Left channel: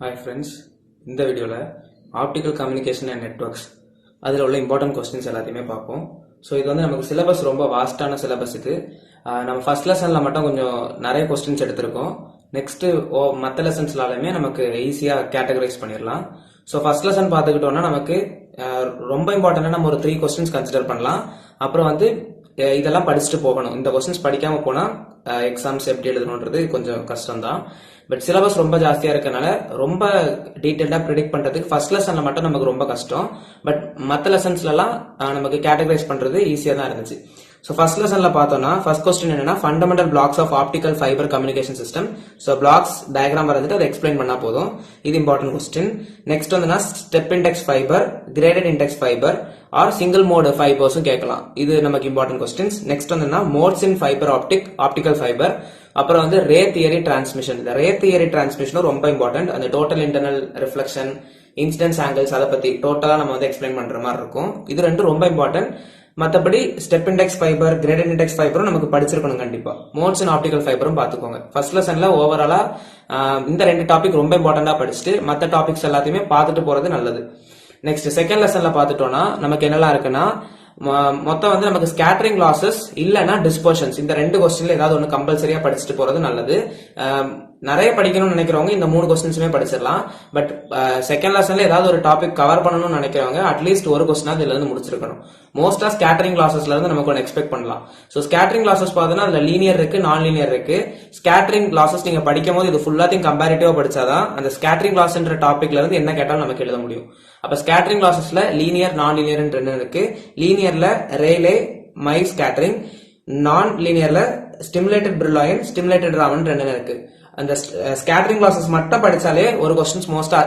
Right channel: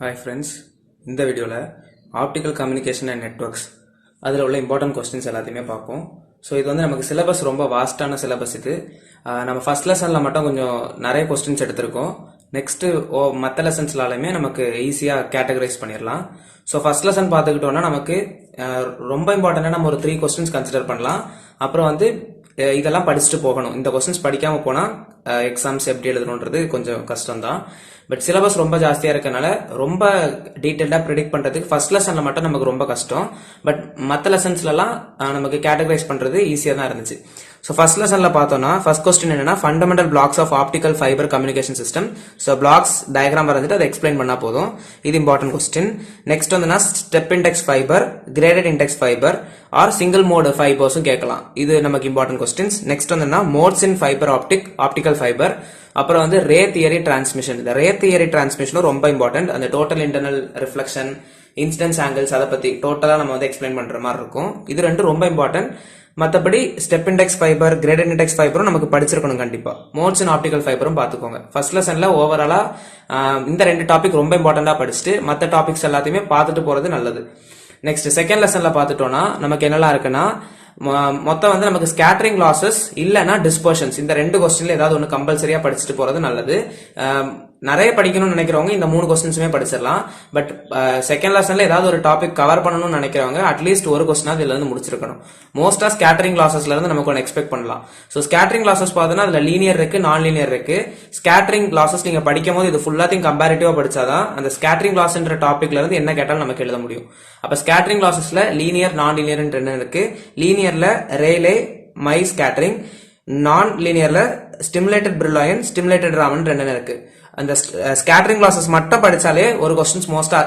Hi friends, இந்த வீடியோவில் optical communication and networks அதில் உள்ள இம்பார்ட்டன்ட் கொஸ்டின்ஸ் எல்லாத்தையுமே பார்ப்போம். ஸோ இது வந்து நமக்கு சிலபஸ் ரொம்ப வாஸ்டான சிலபஸ். இது நம்ம ஃபர்ஸ்ட் லெசனில் மட்டும் கொஞ்சம் நிறைய கொஸ்டின்ஸ் எடுத்திருக்கோம். நெக்ஸ்ட்டு மற்ற லெசன்ஸ்லாலுமே நமக்கு ஈஸியாக கேட்டகரைஸ் பண்ணிடலாம். ஸோ ஃபர்ஸ்ட் லெசன் பார்த்துக்கிட்டோம்னா நமக்கு ரொம்ப இம்பார்ட்டண்டாக நம்ம ஒரு 3 கொஸ்டின்ஸ் கன்சிடர் பண்ணலாம். அப்புறம் வந்து இதெல்லாம் படிச்சுட்டு போகணும். இந்த கொஸ்டின்ஸ் படிக்காமல் போனால் எக்ஸாம்ஸ் எப்படி எழுதணுன்றது கொஞ்சம் கஷ்டம் தான். பட் சிலபஸ் ரொம்ப ஜாஸ்தியா இருக்கனால ரொம்ப டீடைல்டா ப்ரிடிக்ட் பண்றதுக்கு ஃபர்ஸ்ட் லெசன்ல மட்டும் நமக்கு ரொம்ப கஷ்டம். பட் மற்ற லெசன்ஸ்ல எல்லாம் நமக்கு கேட்டகரைஸ் பண்றது ஈஸியா தான் இருந்துச்சு. ஸோ ஃபர்ஸ்ட் லெசன்ல பார்த்தோம்னா ஃபர்ஸ்ட் கொஸ்டின் என்னன்னா fundamental blocks of optical fibre communication system. So blocks diagram வரைஞ்சிட்டு அதை எக்ஸ்பிளைன் பண்ணா போதும். இது இம்பார்ட்டன்ட் கொஸ்டின். நெக்ஸ்ட் வந்து step index fibre, graded index fibre or single mode ஃபைபர்ஸும் கேட்கலாம். இது நமக்கு இம்பார்ட்டன்ட் கொஸ்டின்ஸ். நெக்ஸ்ட் வந்து modes in fibre optical fibre. அப்புறம் வந்து ரே தியரி டிரான்ஸ்மிஷன். இந்த ரே தியரி டிரான்ஸ்மிஷன் ரொம்ப இம்பார்ட்டன்ட். அந்த total internal reflection, incidence angles அதை பத்தி டோட்டலா நம்ம வந்து எக்ஸ்பிளைன் பண்ற மாதிரி இருக்கும். இது ரெண்டும் ரொம்ப இம்பார்ட்டன்ட். மற்றபடி step index fibre, graded index ஃபைபரும் நமக்கு படிச்சிருக்கணும் கண்டிப்பா. மோட்ஸ் இன் ஆப்டிகல் ஃபைபரும் பாத்துக்கோங்க. ஃபர்ஸ்ட் லெசன்ல ஓவராலா இந்த 2 டாபிக் ரொம்ப இம்பார்ட்டண்டா படிச்சுட்டு மற்ற டாபிக்ஸ் எல்லாத்தையுமே பார்த்துட்டு போறது நல்லது. நெக்ஸ்ட் செகண்ட் லெசன்ல பாத்துட்டோம்னா நமக்கு என்னெல்லாம் இருக்குன்னா மொத்தம் வந்து நமக்கு ஸ்கேட்டரிங் லாசஸ் இல்லைன்னா டிஸ்பர்ஷன்ஸ், இந்த 2 கொஸ்டின்ல ஏதாவது ஒன்று கம்பல்சரியா படிச்சுட்டு போறது நல்லது. நிறைய படிக்கணும்னு நினைக்கிறவங்க இந்த 3 கொஸ்டின்ஸுமே படிச்சிடலாம். பட் செகண்ட் லெசன்ல ஏதாவது ஒரு டாபிக் கவர் பண்ணணும்னு நினைக்கிறவங்க அட்லீஸ்ட் ஒரு கொஸ்டினாவது இதுல இருந்து முடிச்சிருக்கணும். மோஸ்டா ஸ்கேட்டரிங் லாசஸ்ல இருந்து நமக்கு ஒன்று எக்ஸ்பெக்ட் பண்ணலாம். ஸோ ஸ்கேட்டரிங் லாசஸ் பார்த்தோன்னா அதுல லீனியர் இருக்கு, நான் லீனியர் இருக்கு. ஸ்கேட்டரிங் லாசஸ் நீங்க படிக்கும் போது இது ஃபுல்லாத்தையும் கம்பேரிட்டிவா படிச்சாதான் அந்த ஸ்கேட்டரிங் லாஸ்ன்ற டாபிக்ல இருந்து என்ன கேட்டாலும் நமக்கு எழுத முடியும். அப்ப ஸ்கேட்டரிங் லாசஸ்ல லீனியர், நான் லீனியர் இருக்கு. லீனியர்ல ரேலே, மை ஸ்கேட்டரிங். நான் லீனியர்ல ஸ்டிமுலேட்டட் பிரில்லாயன், ஸ்டிமுலேட்டட் ராமன் 2 இருக்கு. அந்த ஸ்கேட்டரிங் லாசஸ் மட்டும் படிச்சாலே ஒரு கொஸ்டின்ஸ் மோஸ்டா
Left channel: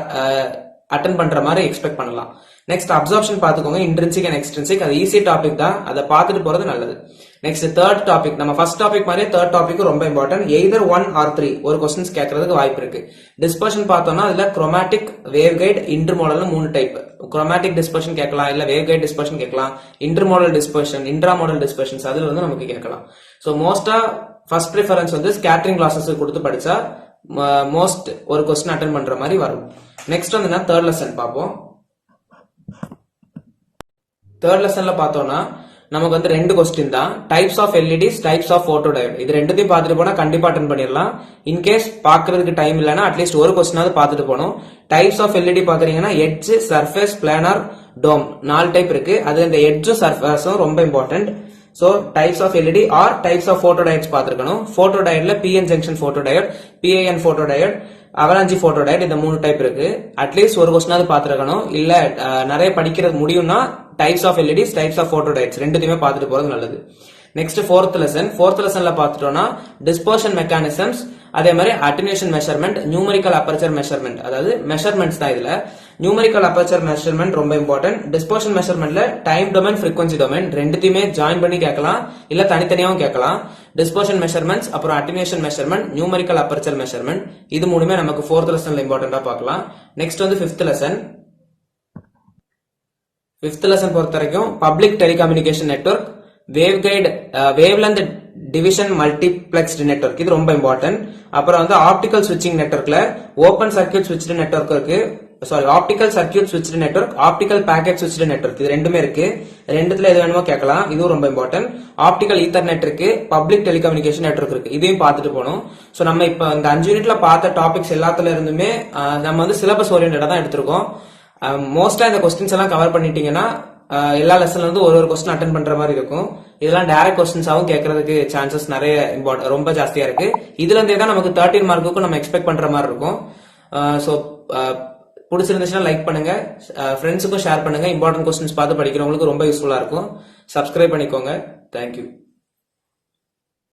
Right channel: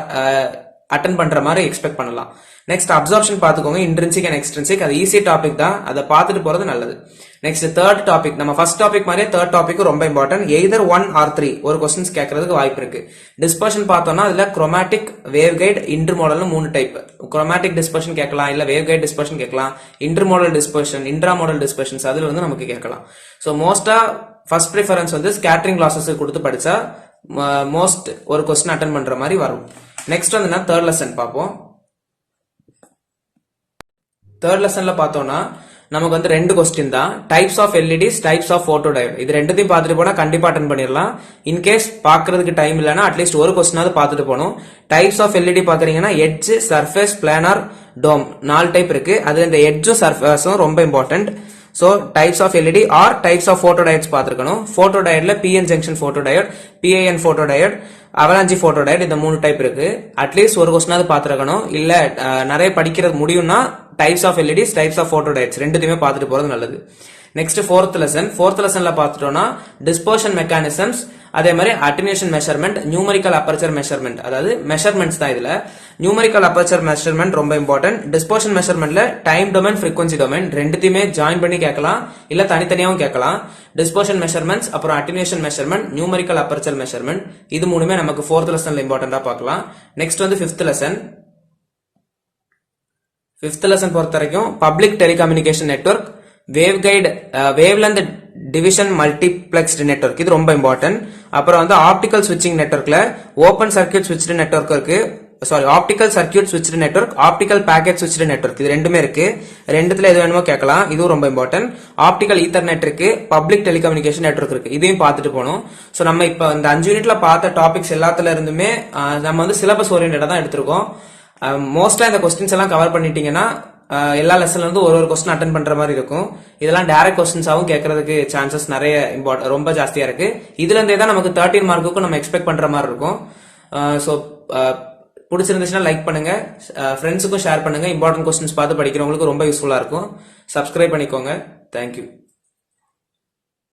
அட்டென்ட் பண்ற மாதிரி எக்ஸ்பெக்ட் பண்ணலாம். நெக்ஸ்ட் அப்சர்ப்ஷன் பாத்துக்கோங்க, இன்ட்ரின்சிக் அண்ட் எக்ஸ்ட்ரின்சிக். அது ஈஸி டாபிக் தான், அதை பார்த்துட்டு போறது நல்லது. நெக்ஸ்ட் தேர்ட் டாபிக், நம்ம ஃபர்ஸ்ட் டாபிக் மாதிரி தேர்ட் டாபிக் ரொம்ப இம்பார்ட்டன்ட். எய்தர் 1 or 3 ஒரு கொஸ்டின்ஸ் கேட்கறதுக்கு வாய்ப்பு இருக்கு. டிஸ்பர்ஷன் பார்த்தோம்னா அதுல chromatic, waveguide, intermodal 3 type. Chromatic dispersion கேட்கலாம், இல்ல வேவ் கைட் டிஸ்பர்ஷன் கேட்கலாம், இன்டர்மோடல் டிஸ்பர்ஷன், இன்ட்ராமோடல் டிஸ்பர்ஷன்ஸ் அதுல இருந்து நமக்கு கேட்கலாம். ஸோ மோஸ்டா ஃபர்ஸ்ட் ப்ரிஃபரன்ஸ் வந்து ஸ்கேட்டரிங் லாசஸ் கொடுத்து படிச்சா மோஸ்ட் ஒரு கொஸ்டின் அட்டென்ட் பண்ற மாதிரி வரும். நெக்ஸ்ட் வந்து தேர்ட் லெசன் பார்ப்போம். தேர்ட் லெசன்ல பார்த்தோம்னா நமக்கு வந்து 2 கொஸ்டின் தான். Types of LEDs, types of photo diode. இது ரெண்டுத்தையும் பார்த்துட்டு போனா கண்டிப்பா அட்டென்ட் பண்ணிடலாம். இன்கேஸ் பாக்குறதுக்கு டைம் இல்லைன்னா அட்லீஸ்ட் ஒரு கொஸ்டினாவது பார்த்துட்டு போகணும். டைப்ஸ் ஆஃப் எல்இடி பாக்குறீங்கன்னா edge, surface, planar, dome 4 type இருக்கு. அது இந்த எட்ஜும் சர்ஃபேஸும் ரொம்ப important. So types of LED or types of photo diodes பார்த்துருக்கணும். போட்டோ டயோட்ல PN junction photo diode, PIN photo diode, avalanche photo diode, இந்த 3 டைப் இருக்கு. அட்லீஸ்ட் ஒரு கொஸ்டினாவது பார்த்துருக்கணும். இல்ல நிறைய படிக்கிறது முடியும்னா types of LEDs, types of photo diodes ரெண்டுத்தையுமே பார்த்துட்டு போறது நல்லது. நெக்ஸ்ட் ஃபோர்த் லெசன்ல பார்த்துட்டோம்னா டிஸ்பர்ஷன் மெக்கானிசம்ஸ், அதே மாதிரி attenuation measurement, numerical aperture measurement. அதாவது மெஷர்மெண்ட்ஸ் தான் இதுல. நியூமரிக்கல் அப்பர்ச்சர் மெஷர்மெண்ட் ரொம்ப இம்பார்ட்டன்ட். டிஸ்பர்ஷன் மெஷர்மெண்ட்ல டைம் டொமைன், ஃப்ரீக்வன்சி டொமைன் ரெண்டுத்தையுமே ஜாயின் பண்ணி கேட்கலாம், இல்ல தனித்தனியாவும் கேட்கலாம். டிஸ்பர்ஷன் மெஷர்மெண்ட்ஸ், அப்புறம் attenuation measurement, numerical aperture measurement, இது 3மே நமக்கு ஃபோர்த் லெசன்ல இம்பார்ட்டன்டா பார்க்கலாம். நெக்ஸ்ட் வந்து ஃபிஃப்த் லெசன் பொறுத்த வரைக்கும் public telecommunication network, wave guide, wavelength division multiplexed network, இது ரொம்ப இம்பார்ட்டன்ட். அப்புறம் வந்து ஆப்டிகல் ஸ்விட்சிங் நெட்வொர்க்ல ஓபன் சர்க்யூட் ஸ்விட்ச்டு நெட்வொர்க் இருக்கு, optical circuit switched network, optical packet switched network, இது ரெண்டுமே இருக்கு. ரெண்டுத்துல எது வேணுமோ கேட்கலாம், இதுவும் ரொம்ப இம்பார்ட்டன்ட். ஆப்டிகல் ஈத்தர்நெட் இருக்கு, பப்ளிக் டெலிகம்யூனிகேஷன் நெட்வொர்க் இருக்கு, இதையும் பார்த்துட்டு போகணும். சோ நம்ம இப்ப இந்த 5 யூனிட்ல பார்த்த டாபிக்ஸ் எல்லாத்துல இருந்துமே நம்ம வந்து சிலபஸ் ஓரியன்டா தான் எடுத்திருக்கோம். மோஸ்டா இந்த கொஸ்டின்ஸ் எல்லாம் கவர் பண்ணிட்டீங்கன்னா எல்லா லெசன்ல இருந்து ஒரு கொஸ்டின் அட்டென்ட் பண்ற மாதிரி இருக்கும். இதெல்லாம் டைரக்ட் கொஸ்டின்ஸாவும் கேட்கறதுக்கு சான்சஸ் நிறைய ரொம்ப ஜாஸ்தியா இருக்கு. இதுல இருந்தே தான் நமக்கு 13 மார்க்குக்கும் நம்ம எக்ஸ்பெக்ட் பண்ற மாதிரி இருக்கும். சோ பிடிச்சிருந்துச்சுன்னா லைக் பண்ணுங்க, ஃப்ரெண்ட்ஸுக்கும் ஷேர் பண்ணுங்க. இம்பார்ட்டன்ட் கொஸ்டின்ஸ் பார்த்து படிக்கிறவங்களுக்கு ரொம்ப யூஸ்ஃபுல்லா இருக்கும். சப்ஸ்கிரைப் பண்ணிக்கோங்க. தேங்க்யூ.